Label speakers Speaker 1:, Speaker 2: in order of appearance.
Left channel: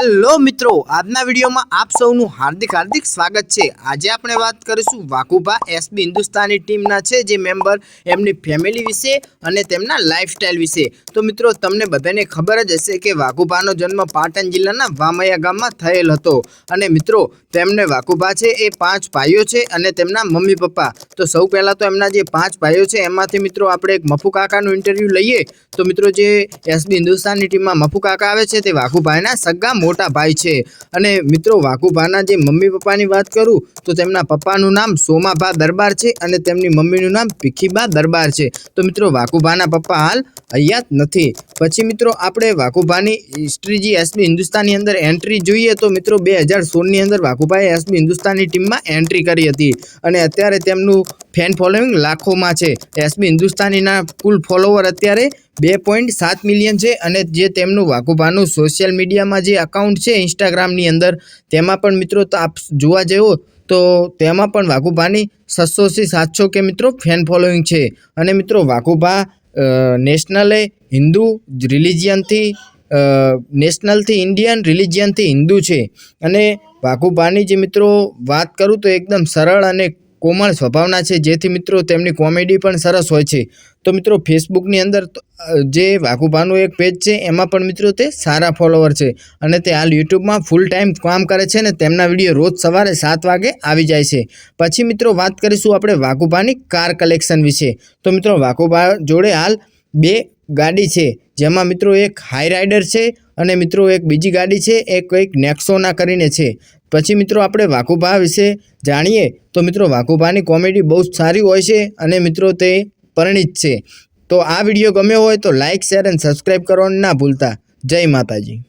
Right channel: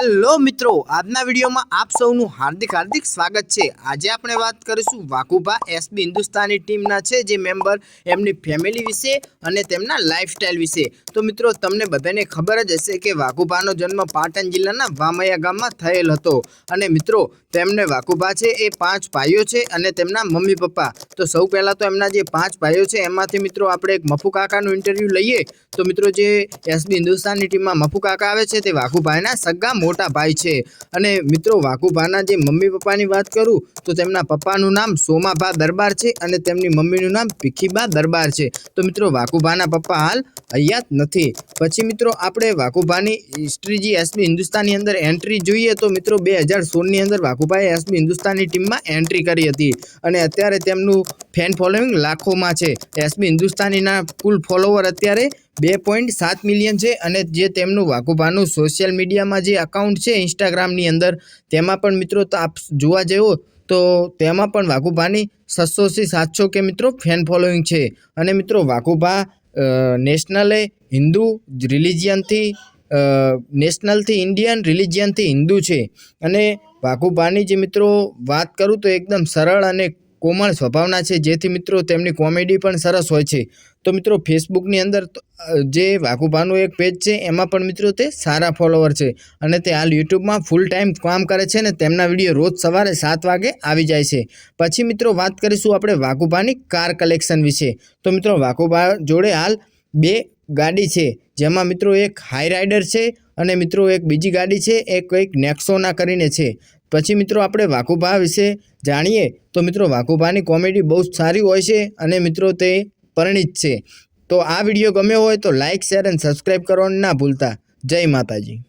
Speaker 1: Hello મિત્રો, આજના વિડીયોમાં આપ સૌનું હાર્દિક હાર્દિક સ્વાગત છે. આજે આપણે વાત કરીશું વાકુભા એસબી હિન્દુસ્તાની ટીમના છે, જે મેમ્બર એમની ફેમિલી વિશે અને તેમના લાઈફસ્ટાઈલ વિશે. તો મિત્રો, તમને બધાને ખબર જ હશે કે વાકુભાનો જન્મ પાટણ જિલ્લાના વામૈયા ગામમાં થયેલ હતો. અને મિત્રો, તેમને વાકુભા છે એ પાંચ ભાઈઓ છે અને તેમના મમ્મી પપ્પા. તો સૌ પહેલાં તો એમના જે પાંચ ભાઈઓ છે, એમાંથી મિત્રો આપણે એક મફુ કાકાનું ઇન્ટરવ્યૂ લઈએ. તો મિત્રો, જે એસબી હિન્દુસ્તાનની ટીમમાં મફુ કાકા આવે છે, તે વાઘુભાઈના સગા મોટા ભાઈ છે. અને મિત્રો, વાઘુભાના જે મમ્મી પપ્પાની વાત કરું, તો તેમના પપ્પાનું નામ સોમાભા દરબાર છે અને તેમની મમ્મીનું નામ ભીખીબા દરબાર છે. તો મિત્રો, વાઘુભાના પપ્પા હાલ હયાત નથી. પછી મિત્રો, આપણે વાઘુભાની હિસ્ટ્રી જે એસબી હિન્દુસ્તાનની અંદર એન્ટ્રી જોઈએ, તો મિત્રો, બે હજાર સોળની અંદર વાઘુભાઈએ એસબી હિન્દુસ્તાનની ટીમમાં એન્ટ્રી કરી હતી. અને અત્યારે તેમનું ફેન ફોલોઈંગ લાખોમાં છે. એસબી હિન્દુસ્તાનીના કુલ ફોલોવર અત્યારે બે પોઈન્ટ સાત મિલિયન છે અને જે તેમનું વાઘુભાનું સોશિયલ મીડિયામાં જે અકાઉન્ટ છે ઇન્સ્ટાગ્રામની અંદર, તેમાં પણ મિત્રો તો આપ જોવા જેવો, તો તેમાં પણ વાઘુભાની છસોથી સાતસો કે મિત્રો ફેન ફોલોઈંગ છે. અને મિત્રો વાઘુભા નેશનલે હિન્દુ રિલિજિયનથી નેશનલથી ઇન્ડિયન રિલિજિયનથી હિન્દુ છે. અને વાઘુભાની જે મિત્રો વાત કરું તો એકદમ સરળ અને કોમળ સ્વભાવના છે. જેથી મિત્રો તેમની કોમેડી પણ સરસ હોય છે. તો મિત્રો ફેસબુકની અંદર જે વાઘુભાનું એક પેજ છે, એમાં પણ મિત્રો તે સારા ફોલોવર છે અને તે હાલ યુટ્યુબમાં ફૂલ ટાઈમ કામ કરે છે ને તેમના વીડિયો રોજ સવારે સાત વાગે આવી જાય છે. પછી મિત્રો વાત કરીશું આપણે વાઘુભાની કાર કલેક્શન વિશે. તો મિત્રો વાઘુભા જોડે હાલ બે ગાડી છે. જેમાં મિત્રો એક હાઈ રાઇડર છે અને મિત્રો એક બીજી ગાડી છે, એ કંઈક નેક્સોના કરીને છે. પછી મિત્રો આપણે વાકુભા વિશે જાણીએ, તો મિત્રો વાકુભાની કોમેડી બહુ જ સારી હોય છે અને મિત્રો તે પરિણિત છે. તો આ વીડિયો ગમ્યો હોય તો લાઇક શેર અને સબસ્ક્રાઈબ કરવાનું ના ભૂલતા. જય માતાજી.